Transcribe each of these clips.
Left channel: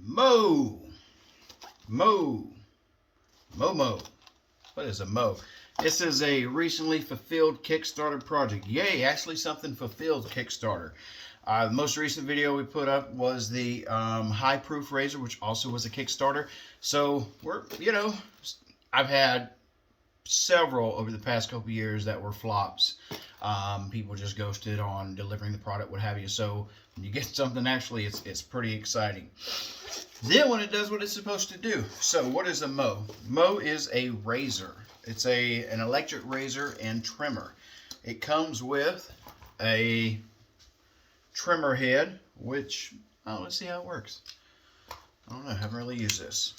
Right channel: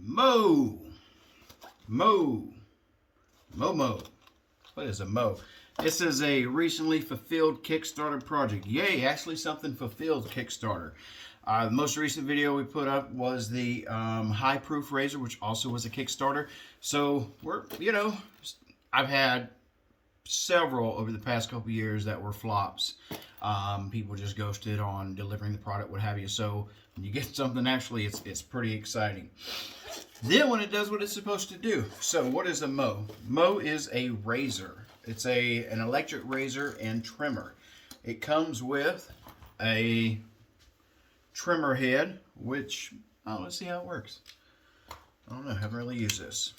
MOW. What is a MOW? This is a recently fulfilled Kickstarter project. Yay, actually something fulfilled Kickstarter. The most recent video we put up was the high proof razor, which also was a Kickstarter. So I've had several over the past couple years that were flops. People just ghosted on delivering the product, what have you. So when you get something, actually, it's pretty exciting. Then when it does what it's supposed to do. So what is a MOW? MOW is a razor. It's an electric razor and trimmer. It comes with a trimmer head, which, let's see how it works. I don't know, I haven't really used this.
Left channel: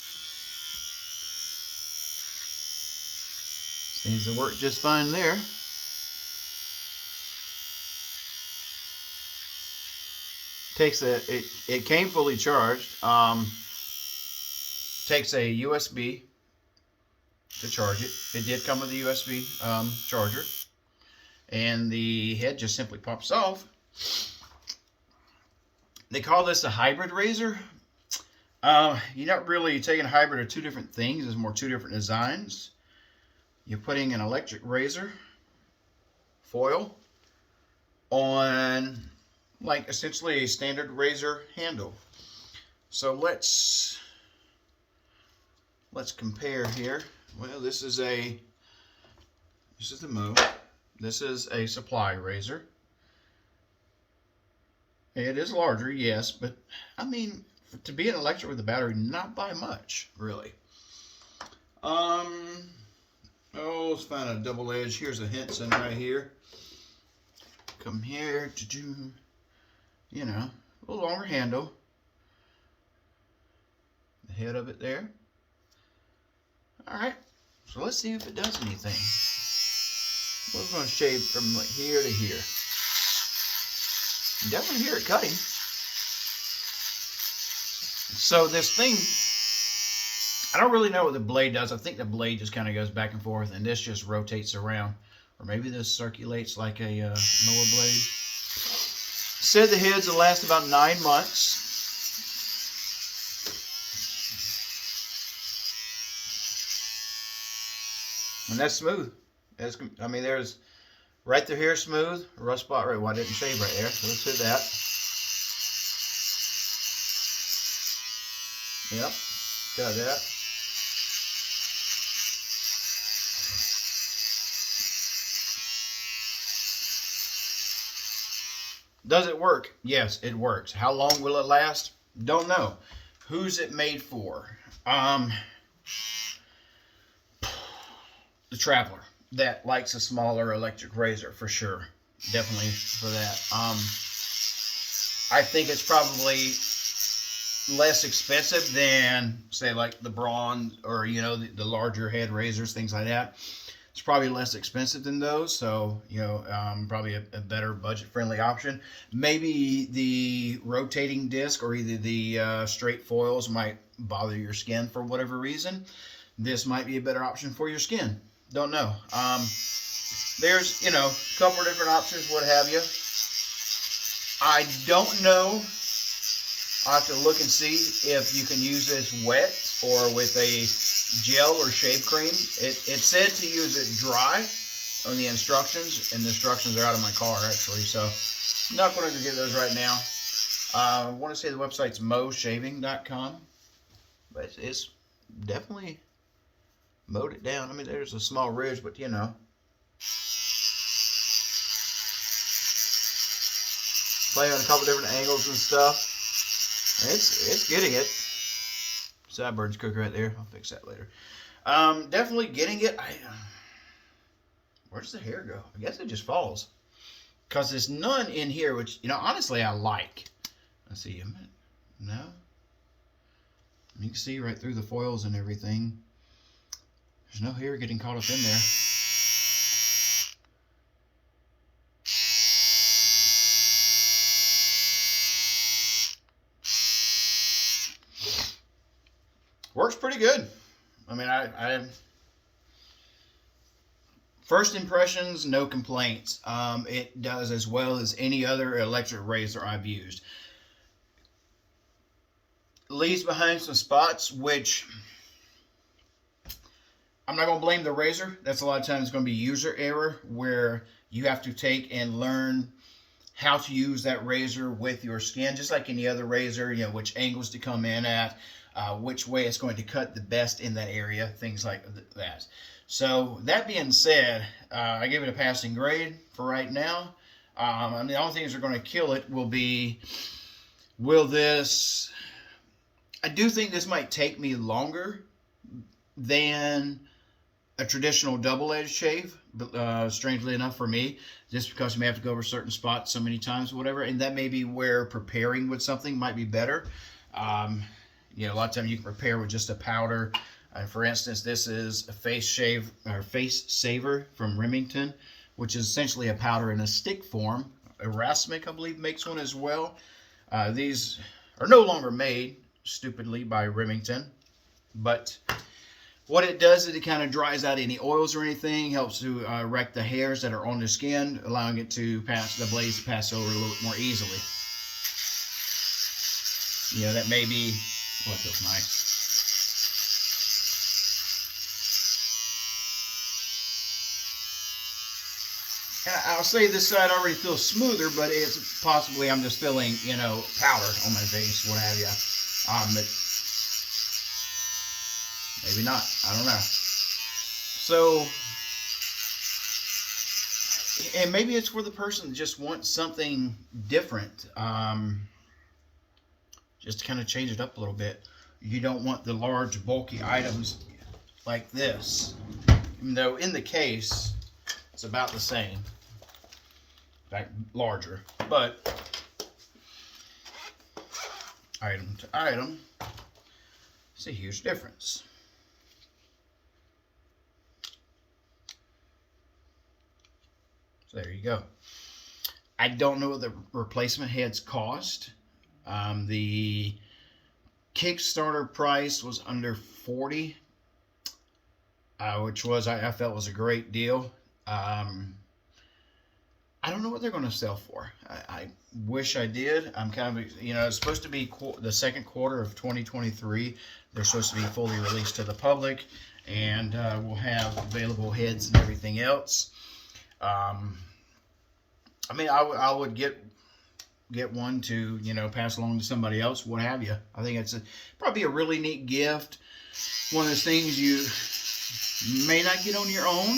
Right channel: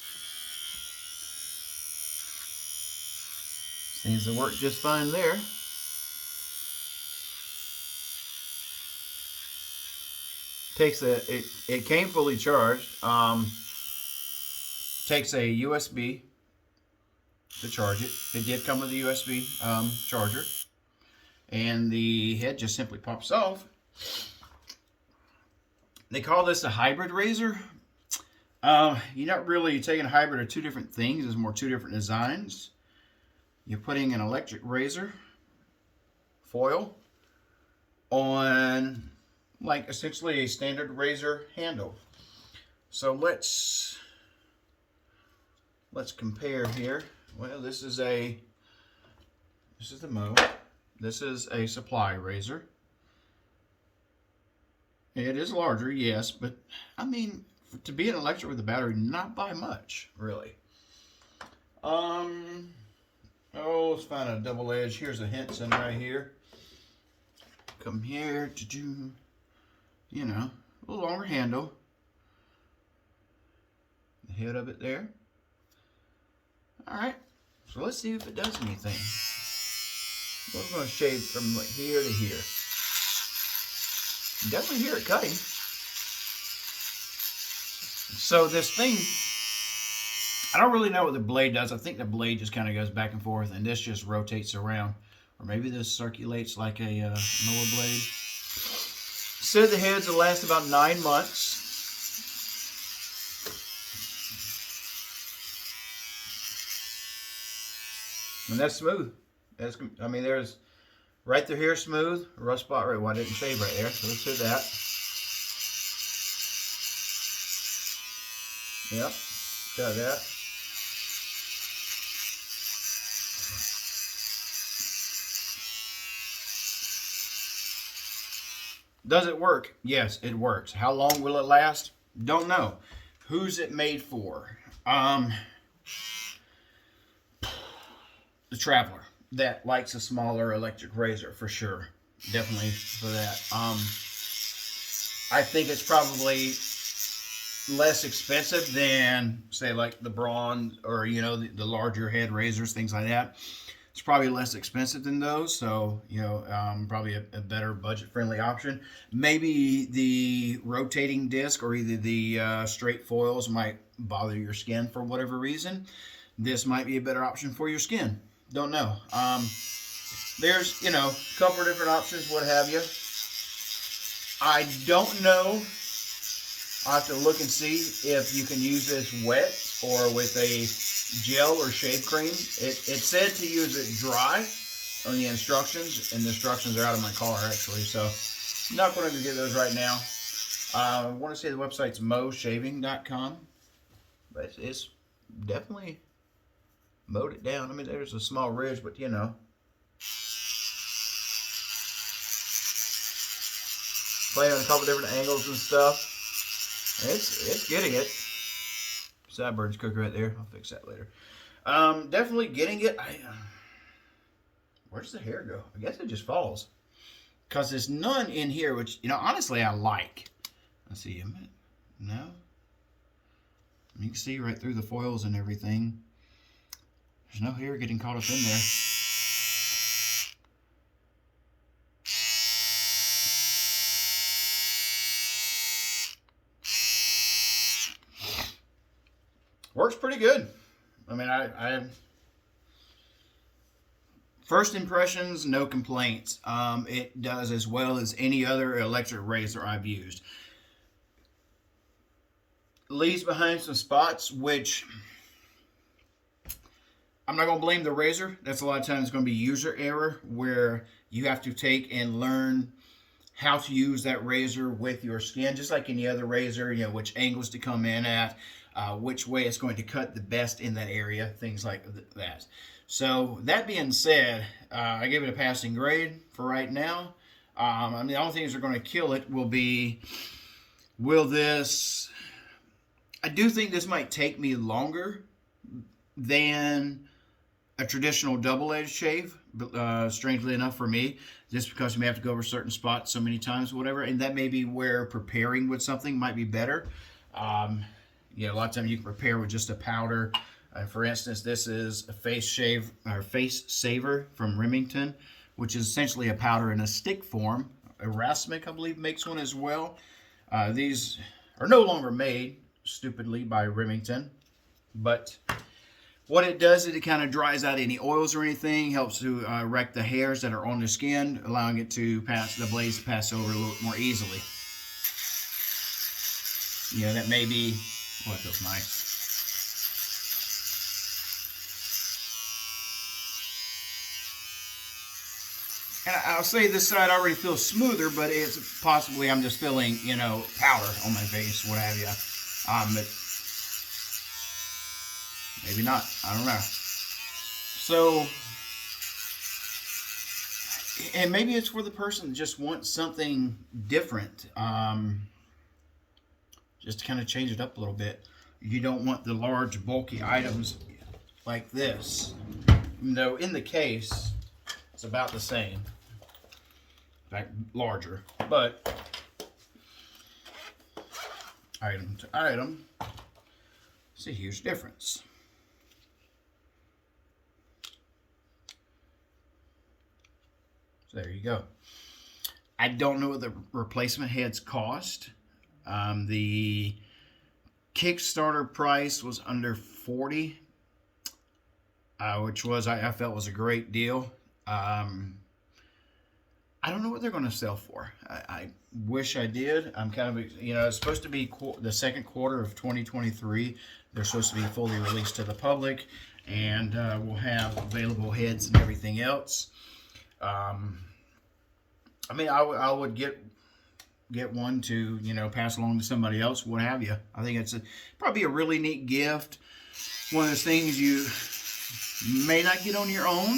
Seems to work just fine there. It came fully charged. Takes a USB to charge it. It did come with a USB charger, and the head just simply pops off. They call this a hybrid razor. You're not really taking a hybrid of two different things. There's more two different designs. You're putting an electric razor foil on, like, essentially a standard razor handle. So let's compare here. Well, this is the MOW. This is a supply razor. It is larger, yes, but I mean, to be an electric with a battery, not by much, really. Let's find a double edge. Here's a Henson right here. Come here to do, a little longer handle. The head of it there. All right, so let's see if it does anything. We're going to shave from like here to here. You definitely hear it cutting. So this thing, I don't really know what the blade does. I think the blade just kind of goes back and forth, and this just rotates around. Or maybe this circulates like a mower blade. Said the heads will last about 9 months. And that's smooth. There's right through here smooth. A rough spot right. Well, I didn't shave right there, so let's do that. Yep, got that. Does it work? Yes, it works. How long will it last? Don't know. Who's it made for? The traveler that likes a smaller electric razor, for sure. Definitely for that. I think it's probably less expensive than, say, like the Braun or the larger head razors, things like that. It's probably less expensive than those, so probably a better budget-friendly option. Maybe the rotating disc or either the straight foils might bother your skin for whatever reason. This might be a better option for your skin. Don't know. There's a couple of different options, what have you. I don't know. I'll have to look and see if you can use this wet or with a gel or shave cream. It said to use it dry on the instructions, and the instructions are out of my car actually, so I'm not going to get those right now. I want to say the website's MOWshaving.com, but it's definitely mowed it down. I mean, there's a small ridge, but Playing on a couple different angles and stuff. It's getting it. Sideburns cook right there. I'll fix that later. Definitely getting it. Where does the hair go? I guess it just falls. Because there's none in here, which, honestly, I like. Let's see. No? You can see right through the foils and everything. There's no hair getting caught up in there. Works pretty good. I mean, I first impressions, no complaints. It does as well as any other electric razor I've used. leaves behind some spots, which I'm not going to blame the razor. That's a lot of times going to be user error, where you have to take and learn how to use that razor with your skin, just like any other razor, you know, which angles to come in at, which way it's going to cut the best in that area, things like that. So that being said, I give it a passing grade for right now. And the only things that are going to kill it will be, will this, I do think this might take me longer than a traditional double-edged shave, strangely enough for me, just because you may have to go over certain spots so many times or whatever, and that may be where preparing with something might be better. You know, a lot of times you can prepare with just a powder. For instance, this is a face shave or face saver from Remington, which is essentially a powder in a stick form. Erasmic, I believe, makes one as well. These are no longer made, stupidly, by Remington, but what it does is it kind of dries out any oils or anything, helps to wreck the hairs that are on the skin, allowing it to pass, the blades to pass over a little bit more easily. Yeah, that may be, what feels nice. I'll say this side already feels smoother, but it's possibly I'm just feeling, you know, powder on my face, what have you. But maybe not. I don't know. So, and maybe it's for the person that just wants something different. Just to kind of change it up a little bit. You don't want the large, bulky items like this. Even though in the case, it's about the same. In fact, larger. But item to item, it's a huge difference. So there you go. I don't know what the replacement heads cost. The Kickstarter price was under $40, which was I felt was a great deal. I don't know what they're going to sell for. I wish I did. I'm kind of, you know, it's supposed to be the second quarter of 2023. They're supposed to be fully released to the public, and we'll have available heads and everything else. I mean, I would get one to, you know, pass along to somebody else, what have you. I think it's probably a really neat gift. One of those things you may not get on your own,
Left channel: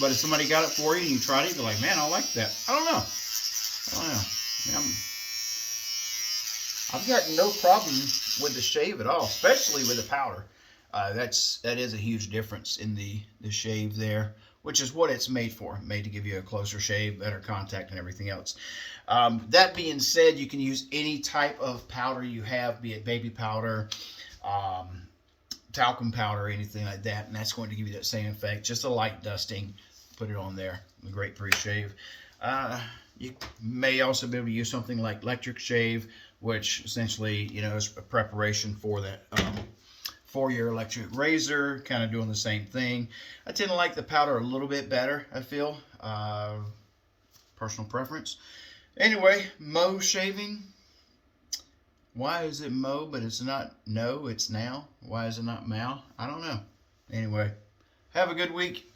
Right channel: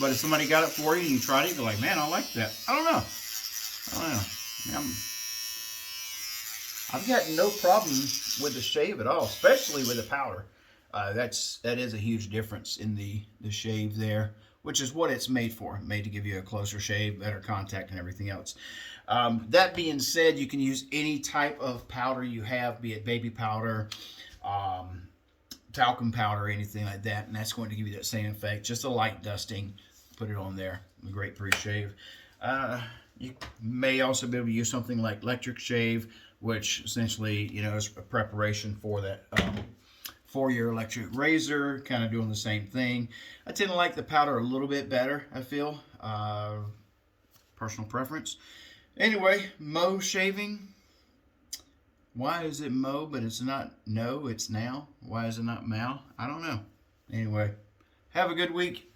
but if somebody got it for you and you tried it, you're like, man, I like that. I don't know. I mean, I've got no problem with the shave at all, especially with the powder. That is a huge difference in the shave there, which is what it's made for, made to give you a closer shave, better contact, and everything else. That being said, you can use any type of powder you have, be it baby powder, talcum powder, anything like that, and that's going to give you that same effect. Just a light dusting, put it on there, a great pre-shave. You may also be able to use something like electric shave, which essentially, you know, is a preparation for that, for your electric razor, kind of doing the same thing. I tend to like the powder a little bit better, I feel. Personal preference. Anyway, MOW Shaving. Why is it MOW, but it's not no, it's now? Why is it not MOW? I don't know. Anyway, have a good week.